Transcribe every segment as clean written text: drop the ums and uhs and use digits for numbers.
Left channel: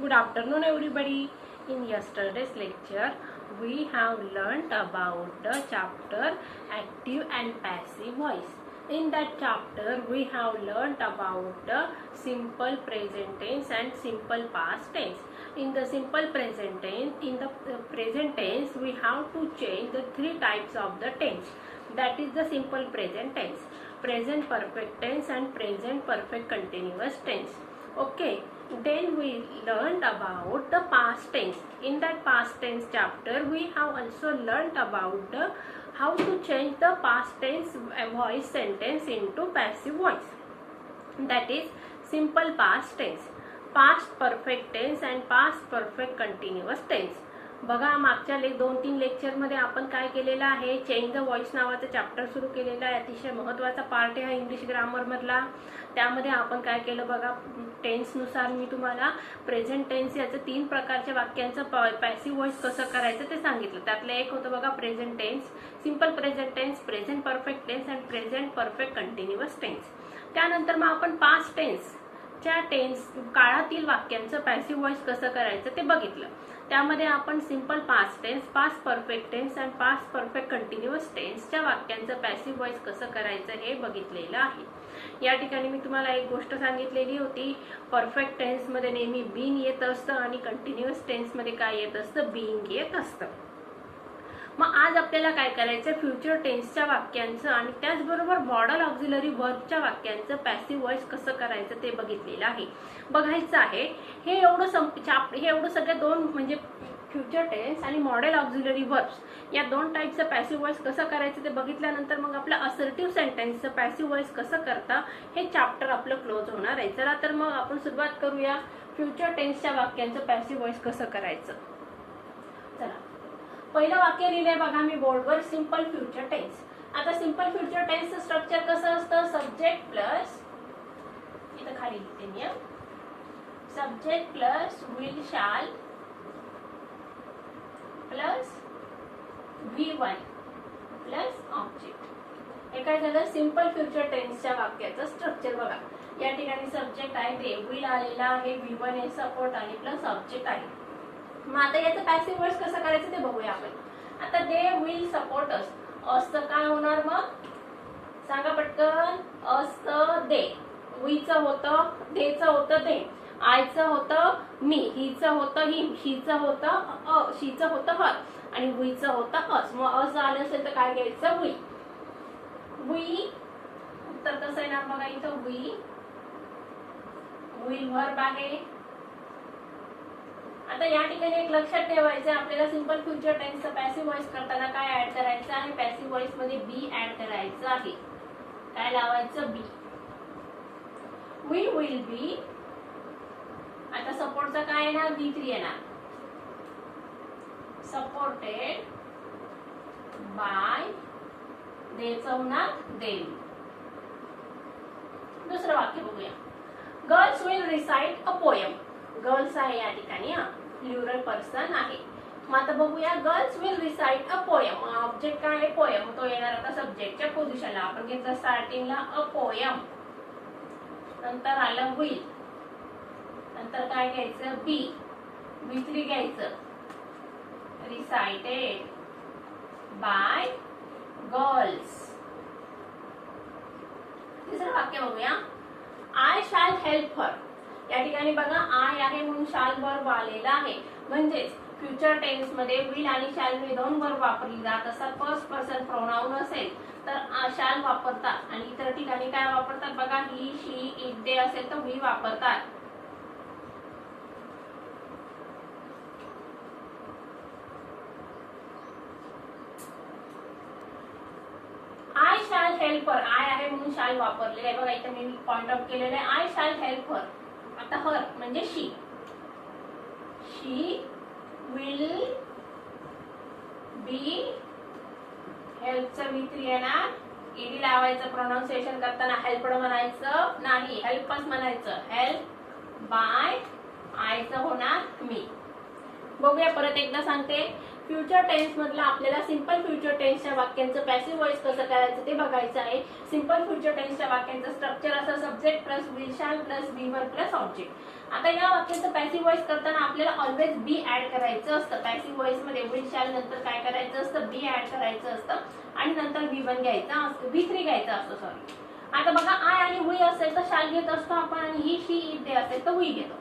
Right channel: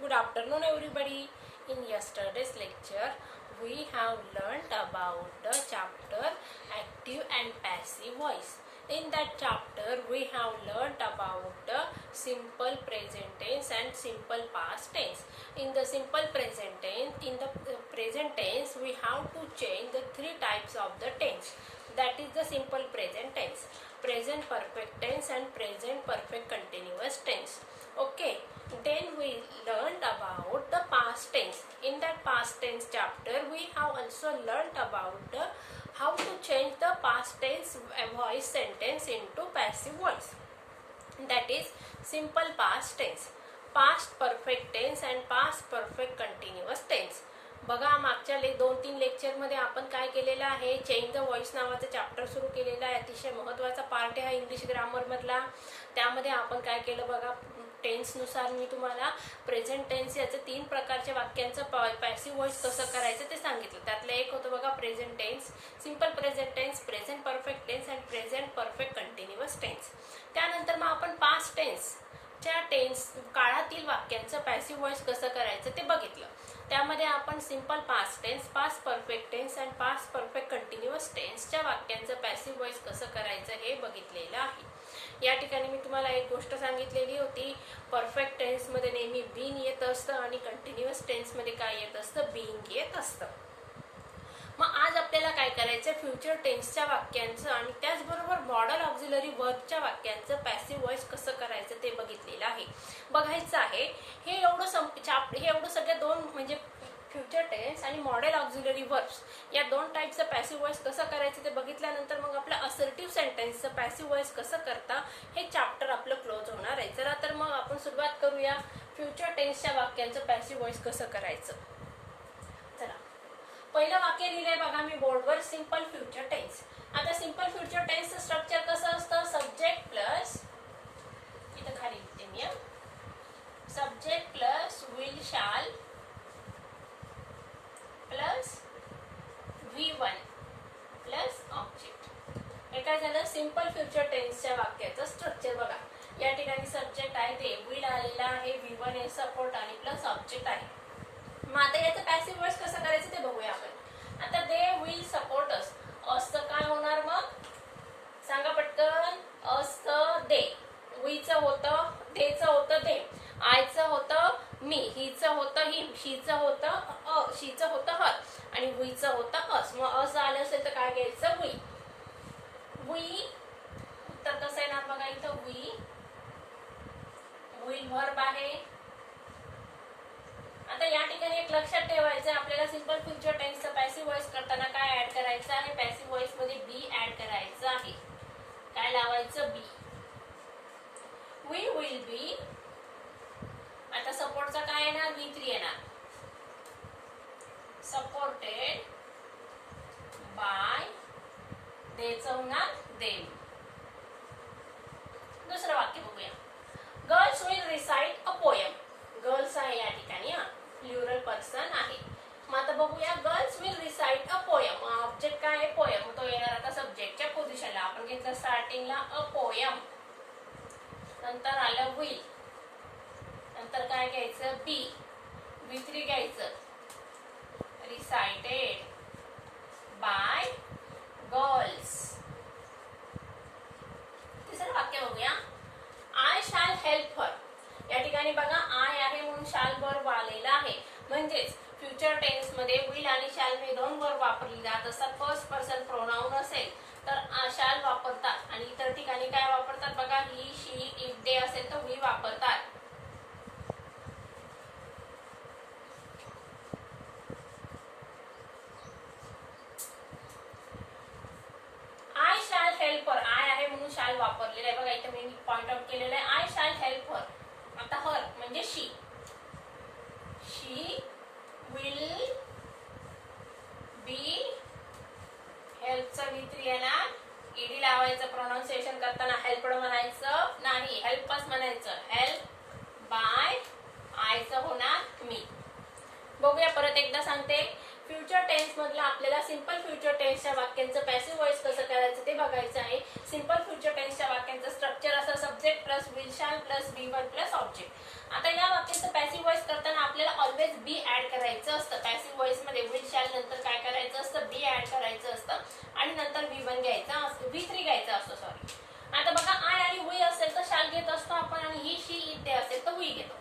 Good afternoon, everybody. In yesterday's lecture, we have learnt about the chapter active and passive voice. In that chapter, we have learnt about the simple present tense and simple past tense. In the simple present tense, we have to change the three types of the tense. That is the simple present tense, present perfect tense, and present perfect continuous tense. Okay, then we learned about the past tense. In that past tense chapter, we have also learned about the how to change the past tense voice sentence into passive voice. That is simple past tense, past perfect tense and past perfect continuous tense. बघा मागच्या 2-3 लेक्चरमध्ये आपण काय केलेलं आहे, change the voice नावाचं chapter सुरू केलेलं आहे. अतिशय महत्त्वाचा पार्ट आहे इंग्लिश ग्रामरमधला. त्यामध्ये आपण काय केलं बघा, टेन्सनुसार मी तुम्हाला प्रेझेंट टेन्स याचं 3 प्रकारच्या वाक्यांचं पॅसिव्ह व्हॉइस कसं करायचं ते सांगितलं. त्यातलं एक होतं बघा present tense, simple present tense, present perfect tense and present perfect continuous tense. त्यानंतर मग आपण पास्ट टेन्सच्या काळातील वाक्यांचं पॅसिव्ह व्हॉइस कसं करायचं ते बघितलं. त्यामध्ये आपण simple past tense, past perfect tense and past perfect continuous टेन्सच्या वाक्यांचं पॅसिव्ह व्हॉइस कसं करायचं हे बघितलेलं आहे. या ठिकाणी मी तुम्हाला एक गोष्ट सांगितलेली होती, परफेक्ट टेन्समध्ये नेहमी बीन येत असतं आणि कंटिन्युअस टेन्समध्ये काय येत असतं, बीइंग येत असतं. मग आज आपल्याला काय करायचं, फ्युचर टेन्सच्या वाक्यांचं आणि त्याचबरोबर मॉडल ऑक्झिलरी वर्बच्या वाक्यांचं पॅसिव्ह व्हॉइस कसं करायचं ते बघितलेलं आहे, बघायचं आहे. हे एवढं सगळ्या 2 म्हणजे फ्युचर टेन्स आणि मॉडेल ऑक्झिलरी वर्ब्स या 2 टाईपचं पॅसिव्ह व्हॉइस कसं करायचं ते बघितल्यानंतर मग आपलं असर्टिव्ह सेंटेन्सचं पॅसिव्ह व्हॉइस कसं करता हे चॅप्टर आपलं क्लोज होणार आहे. चला तर मग आपण सुरुवात करूया फ्युचर टेन्सच्या वाक्यांचं पॅसिव्ह व्हॉइस कसं करायचं. चला, पहिलं वाक्य लिहिलंय बघा मी बोर्डवर, सिंपल फ्युचर टेन्स. आता सिंपल फ्युचर टेन्सचं स्ट्रक्चर कसं असतं, सब्जेक्ट प्लस, इथं खाली लिहिते मी, सब्जेक्ट प्लस विल शाल प्लस V1 प्लस ऑब्जेक्ट. हे काय झालं, सिंपल फ्युचर टेन्सच्या वाक्याचं स्ट्रक्चर बघा. या ठिकाणी सब्जेक्ट आहे ते विल आलेला आहे, V1 हे सपोर्ट आणि प्लस ऑब्जेक्ट आहे. मग आता याचं पॅसिव्ह व्हॉइस कसं करायचं ते बघूया आपण. आता दे विल सपोर्ट अस, असं काय होणार मग सांगा पटकन, असं दे, वीचं होतं, देचं होतं दे, आयचं होतं मी, हिचं होतं हिम, शीचं होतं शीचं होतं हर आणि वीचं होतं अस. मग अस आलं असेल तर काय घ्यायचं, वी. वी उत्तर कसं आहे ना बघा, इथं वी विल व्हर्ब आहे. आता या ठिकाणी एक लक्षात ठेवायचं, आपल्याला सिंपल फ्युचर टेन्सचं पॅसिव्ह व्हॉइस करताना काय ऍड करायचं आहे, पॅसिव्ह व्हॉइस मध्ये बी ऍड करायचं आहे. काय लावायचं, बी. वी विल बी. आता सपोर्टचा काय येणार, V3 येणार, सपोर्टेड बाय, देचं होणार देम. दुसरं वाक्य बघूया, girls will recite a poem. Girls आहे या ठिकाणी, प्लुरल पर्सन आहे. मग आता बघूया, girls will recite a poem. Object काय आहे, पोएम, तो येणार आता सब्जेक्टच्या पोझिशनला. आपण घेतलं स्टार्टिंगला अ पोएम, नंतर आलं विल, नंतर काय घ्यायचं, बी, V3 घ्यायचं, रिसाइटेड बाय गर्ल्स. तिसरं वाक्य बघूया, आय शॅल हेल्प हर. या ठिकाणी बघा आय आहे म्हणून शाल वर्ब आलेला आहे. म्हणजेच फ्युचर टेन्स मध्ये विल आणि शॅल हे 2 वर्ब वापरली जात असतात. फर्स्ट पर्सन प्रोनाउन असेल तर शॅल वापरतात आणि इतर ठिकाणी काय वापरतात बघा, ही, शी, इट, दे असेल तर वी वापरतात. I shall help her, I आहे म्हणून शॅल वापरलेला आहे बघा, इथे मी पॉइंट आउट केलेलं आहे, आय शॅल हेल्प हर. आता हर म्हणजे शी, शी विल बी, हेल्पचं V3 येणार, ईडी लावायचं, प्रोनाउन्सिएशन करताना हेल्पड म्हणायचं नाही, हेल्पच म्हणायचं, हेल्प बाय, आयचं होणार मी. बघूया परत एकदा सांगते, फ्युचर टेन्स मधला आपल्याला सिंपल फ्युचर टेन्सच्या वाक्यांचं पॅसिव्ह व्हॉइस कसं करायचं ते बघायचं आहे. सिंपल फ्युचर टेन्सच्या वाक्यांचं स्ट्रक्चर असं subject plus will shall plus V1 plus object. आता या वाक्याचं पॅसिव्ह व्हॉइस करताना आपल्याला ऑलवेज बी ऍड करायचं असतं. पॅसिव्ह व्हॉइस मध्ये विल शॅल नंतर काय करायचं असतं, बी ऍड करायचं असतं आणि नंतर V1 घ्यायचा असतो, V3 घ्यायचा असतो सॉरी. आता बघा आय आणि वी असेल तर शॅल घेत असतो आपण आणि ही शी इट ते असेल तर वी घेतो.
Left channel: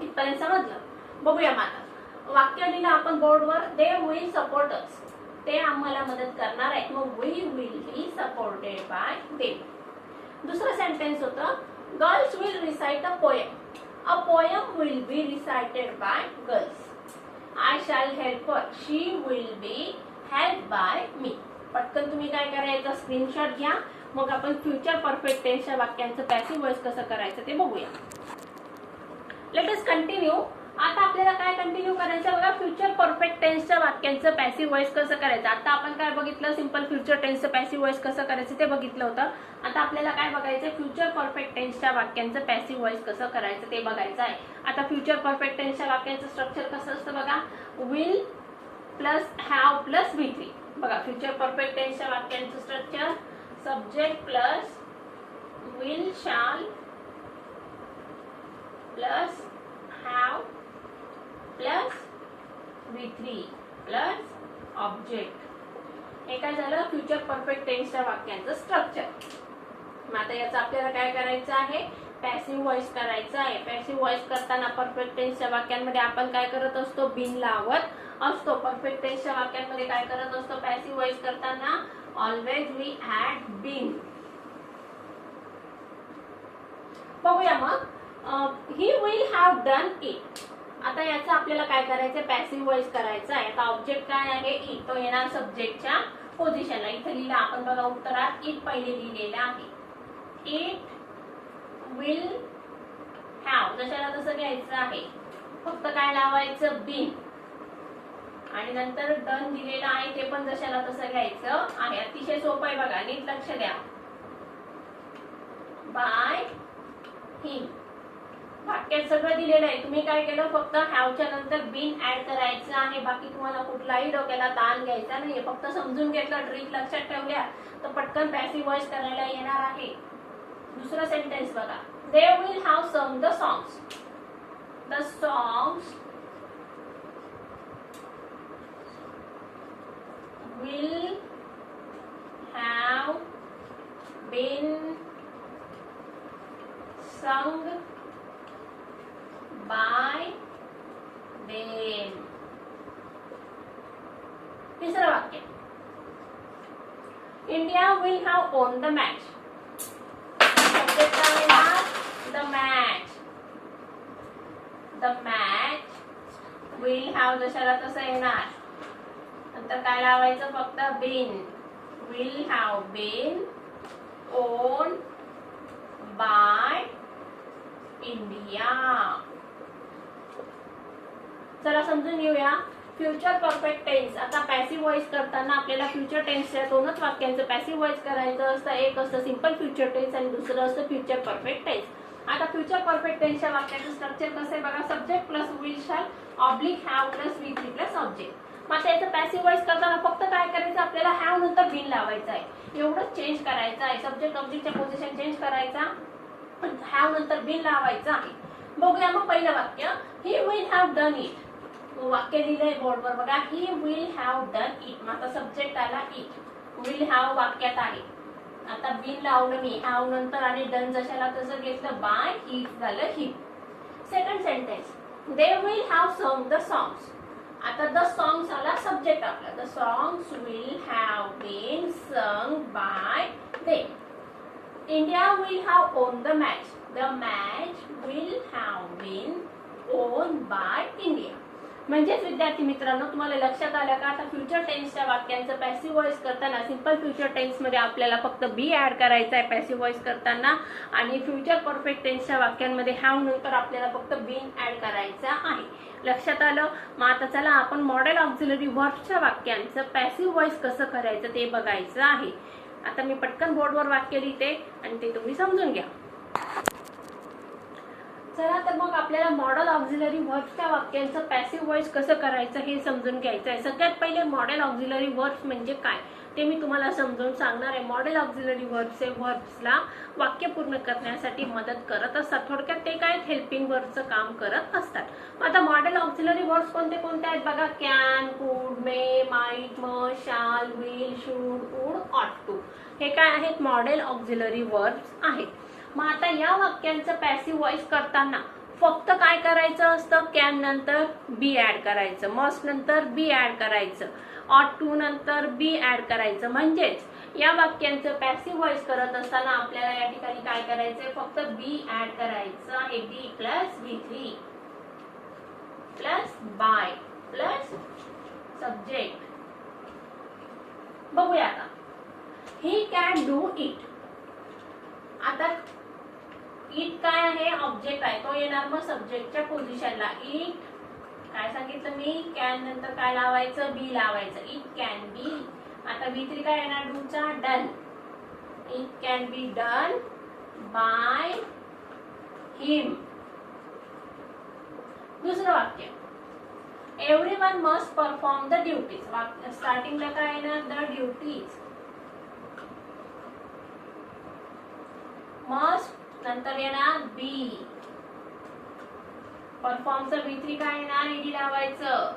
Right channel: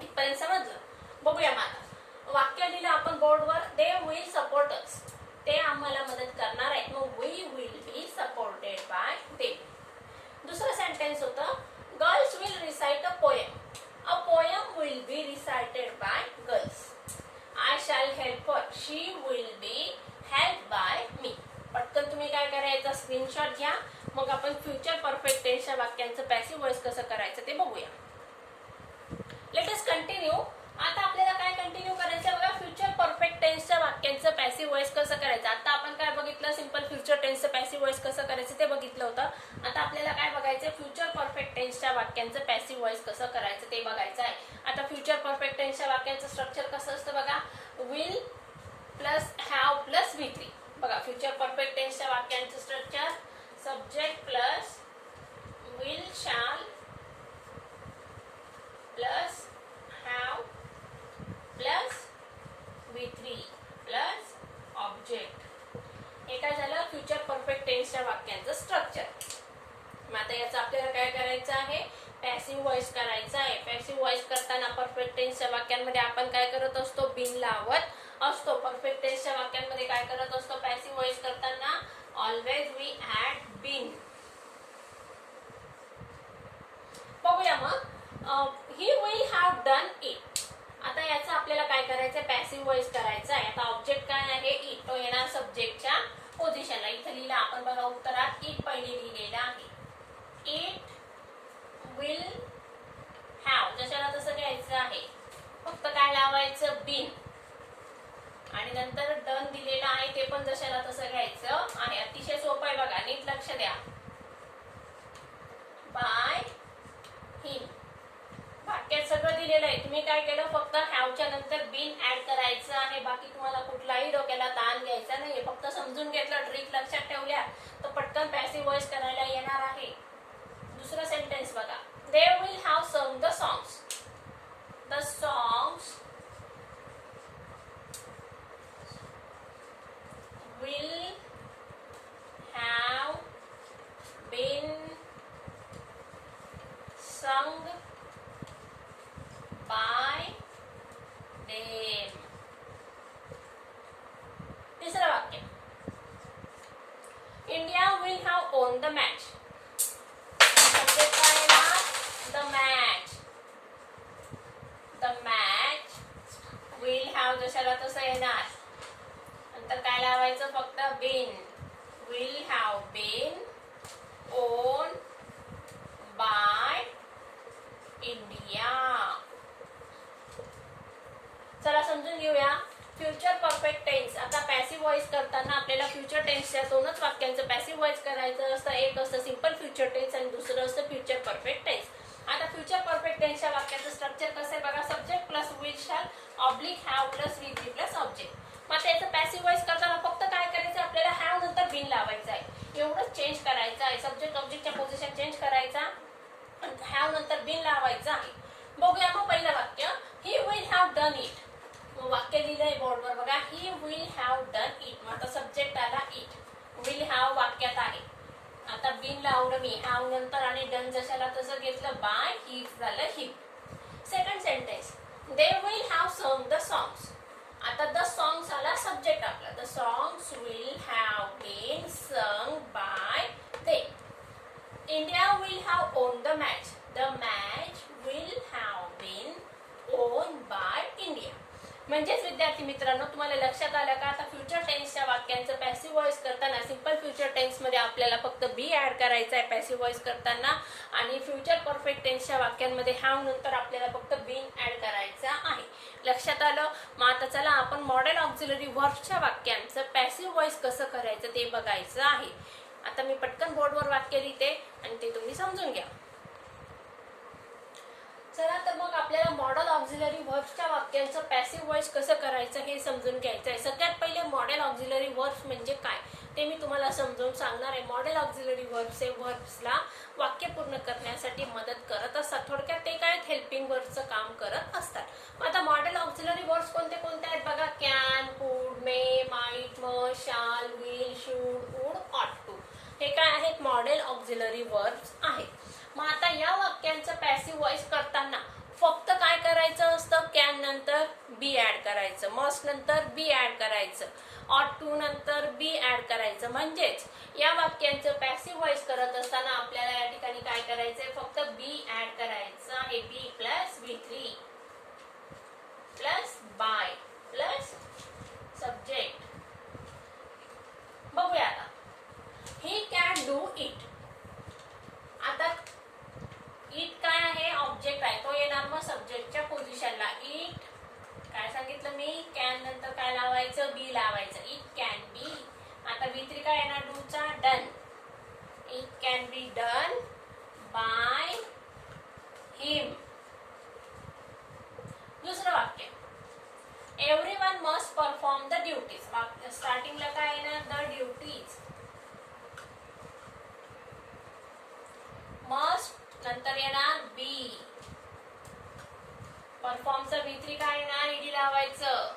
इथपर्यंत समजलं. बघूया आता वाक्य दिलं आपण बोर्डवर, दे विल सपोर्ट अस, ते आम्हाला मदत करणार आहेत. मग we will be supported by them. दुसरं सेंटेन्स होतं, girls will recite a poem, a poem will be recited by girls. I shall help her, she will be help by me. पटकन तुम्ही काय करायचं, स्क्रीनशॉट घ्या. मग आपण फ्युचर परफेक्ट टेन्सच्या वाक्यांचं पॅसिव्ह व्हॉइस कसं करायचं ते बघूया. Let us continue. आता आपल्याला काय कंटिन्यू करायचं बघा, फ्युचर परफेक्ट टेन्सच्या वाक्यांचं पॅसिव्ह व्हॉइस कसं करायचं. आता आपण काय बघितलं, सिंपल फ्युचर टेन्सचं पॅसिव्ह व्हॉइस कसं करायचं ते बघितलं होतं. आता आपल्याला काय बघायचं, फ्युचर परफेक्ट टेन्सच्या वाक्यांचं पॅसिव्ह व्हॉइस कसं करायचं ते बघायचं आहे. आता फ्युचर परफेक्ट टेन्सच्या वाक्यांचं स्ट्रक्चर कसं असतं बघा, will plus have plus V3. बघा फ्युचर परफेक्ट टेन्सच्या वाक्यांचं structure subject plus will shall plus have plus V3 plus object. हे काय झालं, फ्युचर परफेक्ट टेन्सच्या वाक्यांचं स्ट्रक्चर. मग आता याचं आपल्याला काय करायचं आहे, पॅसिव्ह व्हॉइस करायचं आहे. पॅसिव्ह व्हॉइस करताना परफेक्ट टेन्सच्या वाक्यांमध्ये आपण काय करत असतो, बिन लावत असतो. परफेक्ट टेन्सच्या वाक्यांमध्ये काय करत असतो, पॅसिव्ह व्हॉइस करताना ऑलवेज वी ऍड बिन. बघूया मग, he will have done it. आता याचं आपल्याला काय करायचं, पॅसिव्ह व्हॉइस करायचं आहे. आता ऑब्जेक्ट काय आहे, इट, तो येणार सब्जेक्टच्या पोझिशनला. इथे लिहिलं आपण बघा उत्तरात, इट पहिले लिहिलेलं आहे. इट विल हॅव जशाला तसं घ्यायचं आहे, फक्त काय लावायचं, बिन. आणि नंतर डन दिलेलं आहे ते पण जशाला तसं घ्यायचं आहे. अतिशय सोपं आहे बघा, नीट लक्ष द्या. बाय हिम वाक्यात सगळं दिलेलं आहे. तुम्ही काय केलं, फक्त हॅवच्या नंतर बिन ऍड करायचं आहे. बाकी तुम्हाला कुठलाही डोक्याला ताण घ्यायचा नाहीये. फक्त समजून घेतलं, ट्रिक लक्षात ठेवल्या तर पटकन पॅसिव्ह व्हॉइस करायला येणार आहे. दुसरा सेंटेन्स बघा, they will have sung the songs. The songs will have been sung by them. तिसरं वाक्य, India will have won the match. Subject काय येणार, the match. The match will have जशाला तसं येणार. नंतर काय लावायचं, फक्त been. Will have been won by India. चला समजून घेऊया फ्युचर परफेक्ट टेन्स. आता पॅसिव्ह व्हॉइस करताना आपल्याला फ्युचर टेन्सच्या दोनच वाक्यांचं पॅसिव्ह व्हॉइस करायचं असतं. एक असतं सिंपल फ्युचर टेन्स आणि दुसरं असतं फ्युचर परफेक्ट टेन्स. आता फ्युचर परफेक्ट टेन्सच्या वाक्याचं स्ट्रक्चर कसं आहे बघा, subject plus will shall oblique have plus V3 plus object. मग त्याचं पॅसिव्ह व्हॉइस करताना फक्त काय करायचं, आपल्याला हॅव नंतर बिन लावायचं आहे. एवढंच चेंज करायचं आहे. सब्जेक्ट ऑब्जेक्टच्या पोझिशन चेंज करायचा, हॅव नंतर बिन लावायचं आहे. बघूया मग पहिलं वाक्य, he will have done it. वाक्य लिहिलंय बोर्डवर बघा, he will have done it. मग आता सब्जेक्ट आला इट, विल हॅव वाक्यात आहे. आता बिन लावलं मी, हॅव नंतर आणि डन जशाला तसं घेतलं, बाय ही झालं ही. Second sentence, they will have song the songs. आता द सॉंग्स आला सब्जेक्ट आपला. The songs will have been सung by them. India will have won the match. The match will have been won by India. म्हणजेच विद्यार्थी मित्रांनो, तुम्हाला लक्षात आलं का, आता फ्युचर टेन्सच्या वाक्यांचं पॅसिव्ह व्हॉइस करताना सिंपल फ्युचर टेन्स मध्ये आपल्याला फक्त बी ऍड करायचा आहे पॅसिव्ह व्हॉइस करताना, आणि फ्युचर परफेक्ट टेन्सच्या वाक्यांमध्ये हॅव नंतर आपल्याला फक्त बीन ऍड करायचा आहे. लक्षात आलं. मग आता चला आपण मॉडेल ऑक्झिलरी वर्बच्या वाक्यांचं पॅसिव्ह व्हॉइस कसं करायचं ते बघायचं आहे. आता मी पटकन बोर्डवर वाक्य लिहिते आणि ते तुम्ही समजून घ्या. चला तर मग आपल्याला मॉडेल ऑक्झिलरी व्हर्ब्सच्या वाक्यांचं पॅसिव्ह व्हॉइस कसं करायचं हे समजून घ्यायचं आहे. सगळ्यात पहिले मॉडेल ऑक्झिलरी व्हर्ब्स म्हणजे काय ते मी तुम्हाला समजावून सांगणार आहे. मॉडेल ऑक्झिलरी व्हर्ब्स हे व्हर्ब्सला वाक्य पूर्ण करण्यासाठी मदत करत असतात. थोडक्यात ते काय हेल्पिंग वर्बचं काम करत असतात. आता मॉडेल ऑक्झिलरी वर्ब्स कोणते कोणते आहेत बघा. कॅन, कुड, मे, माइट, मस्ट, शाल, विल, शुड, वुड, ऑट टू. हे काय आहेत मॉडेल ऑक्झिलरी वर्ब्स आहेत. मग आता या वाक्यांचं पॅसिव्ह व्हॉइस करताना फक्त काय करायचं असतं. कॅन नंतर बी ऍड करायचं, मस्ट नंतर बी ऍड करायचं, ऑट टू नंतर बी ऍड करायचं. म्हणजेच या वाक्यांचं पॅसिव्ह व्हॉइस करत असताना आपल्याला या ठिकाणी काय करायचंय, फक्त बी ऍड करायचं आहे. Be plus V3 plus by plus subject. बघूया आता. He can do it. आता इट काय आहे, ऑब्जेक्ट आहे, तो येणार मग सब्जेक्टच्या पोझिशनला. इट काय सांगितलं मी, कॅन नंतर काय लावायचं, बी लावायचं. It can be. आता V3 काय येणार, डूचा done. It can be done by him. दुसरं वाक्य. Everyone must perform the duties. स्टार्टिंगला काय येणार, द ड्युटीज. मस्ट नंतर येणार बी. परफॉर्मचं V3 काय येणार, ईडी लावायचं.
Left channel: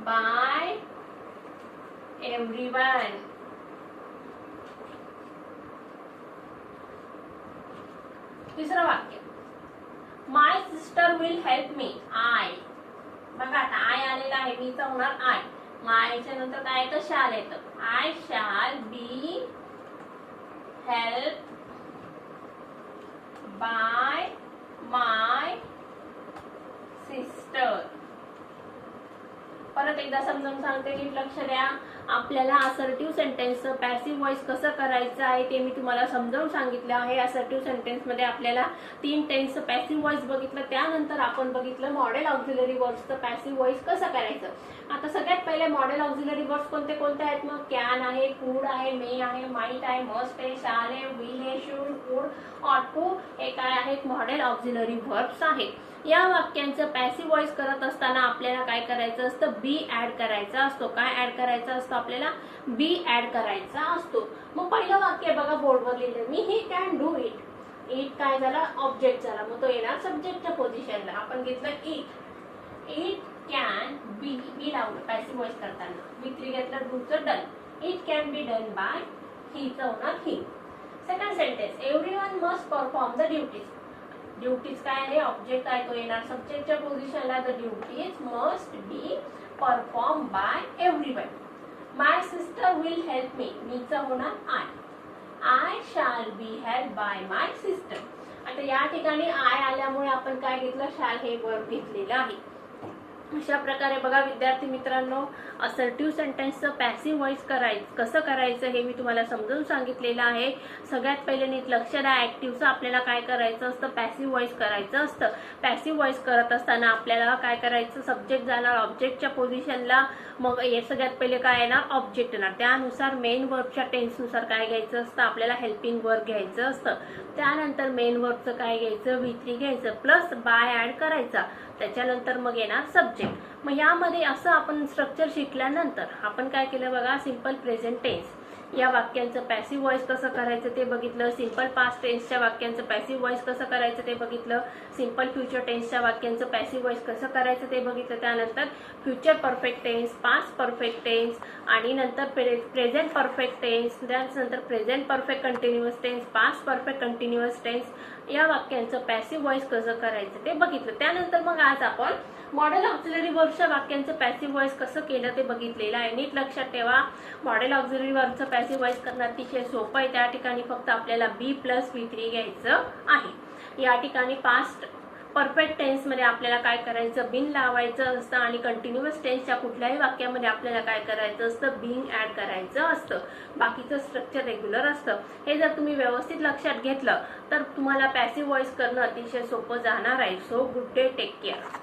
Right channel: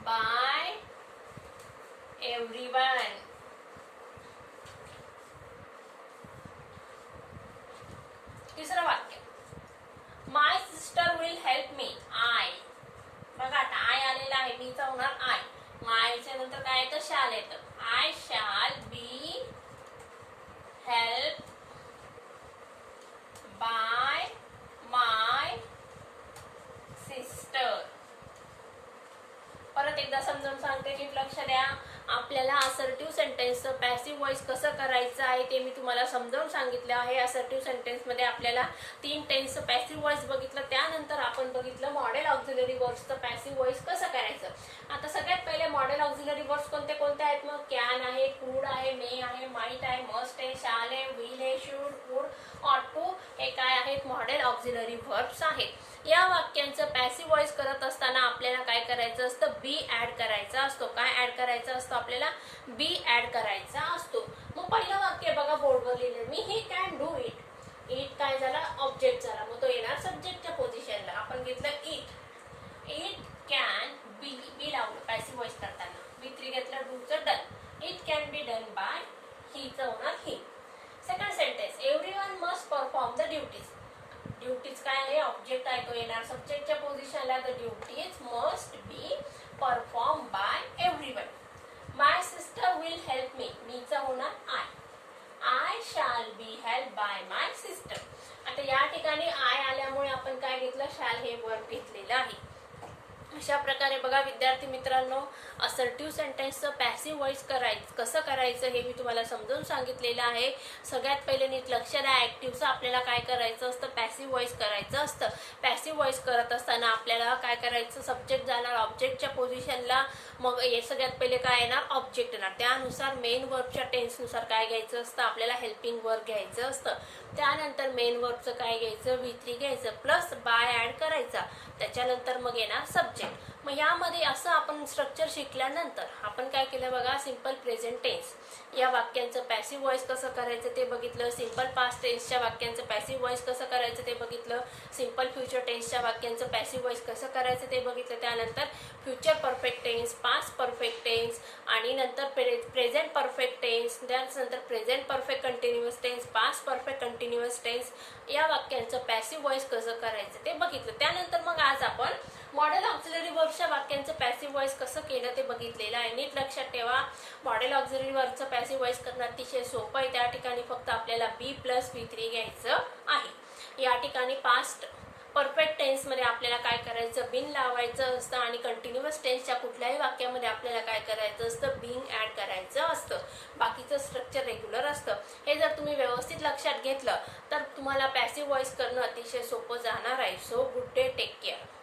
By everyone. तिसरं वाक्य. My sister will help me. I. बघा आता आय आलेला आहे, मीचा होणार आय. मायच्या नंतर काय येतं, शाल येतं. I shall be help by my sister. परत एकदा समजावून सांगते, नीट लक्ष द्या. आपल्याला असर्टिव्ह सेंटेन्सचं पॅसिव्ह व्हॉइस कसं करायचं आहे ते मी तुम्हाला समजावून सांगितलं आहे. असर्टिव्ह सेंटेन्स मध्ये आपल्याला 3 टेन्सचं पॅसिव्ह व्हॉइस बघितलं. त्यानंतर आपण बघितलं मॉडेल ऑक्झिलरी वर्ब्सचं पॅसिव्ह व्हॉइस कसं करायचं. आता सगळ्यात पहिले मॉडेल ऑक्झिलरी वर्ब्स कोणते कोणते आहेत मग. कॅन आहे, कुड आहे, मे आहे, माइट आहे, मस्ट आहे, शाल आहे, विल आहे, शुड, वुड, ऑट टू. हे काय आहेत, मॉडेल ऑक्झिलरी वर्ब्स आहेत. या वाक्यांचं पॅसिव्ह व्हॉइस करत असताना आपल्याला काय करायचं असतं, बी ऍड करायचा असतो. काय ऍड करायचा असतो आपल्याला, बी ऍड करायचा असतो. मग पहिलं वाक्य बघा बोर्डवर लिहिलं मी, he can do it. It काय झाला, ऑब्जेक्ट झाला, मग तो येणार सब्जेक्टच्या पोझिशनला. आपण घेतलं it. It can be. Be लावलं पॅसिव्ह व्हॉइस करताना. V3 घेतलं, डूचं done. It can be done by हीचं होणार he. Second sentence. Everyone must perform the duties. Duties काय आहे, ऑब्जेक्ट आहे, तो येणार सब्जेक्टच्या पोझिशनला. The duties must be perform by everyone. My sister will help me. मीचं होणार I. I shall be help by my sister. आता या ठिकाणी आय आल्यामुळे आपण काय घेतलं, शाल हे वर्ब घेतलेलं आहे. अशा प्रकारे बघा विद्यार्थी मित्रांनो, असर्टिव्ह सेंटेन्सचं पॅसिव्ह व्हॉइस कसं करायचं हे मी तुम्हाला समजावून सांगितलेलं आहे. सगळ्यात पहिले नीट लक्ष द्या. ऍक्टिव्हचं आपल्याला काय करायचं असतं, पॅसिव्ह व्हॉइस करायचं असतं. पॅसिव्ह व्हॉइस करत असताना आपल्याला काय करायचं, सब्जेक्ट जाणार ऑब्जेक्टच्या पोझिशनला. मग हे सगळ्यात पहिले काय येणार, ऑब्जेक्ट येणार. त्यानुसार मेन वर्बच्या टेन्सनुसार काय घ्यायचं असतं, आपल्याला हेल्पिंग वर्ब घ्यायचं असतं. त्यानंतर मेन वर्बचं काय घ्यायचं, V3 घ्यायचं प्लस बाय ऍड करायचा. त्याच्यानंतर मग येणार सब्जेक्ट. मग यामध्ये असं आपण स्ट्रक्चर शिकल्यानंतर आपण काय केलं बघा, सिंपल प्रेझेंट टेन्स या वाक्यांचं पॅसिव्ह व्हॉइस कसं करायचं ते बघितलं. सिंपल पास्ट टेन्सच्या वाक्यांचं पॅसिव्ह व्हॉइस कसं करायचं ते बघितलं. सिंपल फ्युचर टेन्सच्या वाक्यांचं पॅसिव्ह व्हॉइस कसं करायचं ते बघितलं. त्यानंतर future perfect tense, past perfect tense आणि नंतर प्रेझेंट परफेक्ट टेन्स, त्यानंतर present perfect continuous tense, past perfect continuous tense या वाक्यांचं पॅसिव्ह व्हॉइस कसं करायचं ते बघितलं. त्यानंतर मग आज आपण मॉडेल ऑक्झिलरी वर्बच्या वाक्यांचं पॅसिव्ह व्हॉइस कसं केलं ते बघितलेलं आहे. नीट लक्षात ठेवा, मॉडेल ऑक्झिलरी वर्बचं पॅसिव्ह व्हॉइस करणं अतिशय सोपं आहे. त्या ठिकाणी फक्त आपल्याला बी प्लस V3 घ्यायचं आहे. या ठिकाणी पास्ट परफेक्ट टेन्समध्ये आपल्याला काय करायचं, बिन लावायचं असतं आणि कंटिन्युअस टेन्सच्या कुठल्याही वाक्यामध्ये आपल्याला काय करायचं असतं, बिंग ऍड करायचं असतं. बाकीचं स्ट्रक्चर रेग्युलर असतं. हे जर तुम्ही व्यवस्थित लक्षात घेतलं तर तुम्हाला पॅसिव्ह व्हॉइस करणं अतिशय सोपं जाणार आहे. So good day, take care.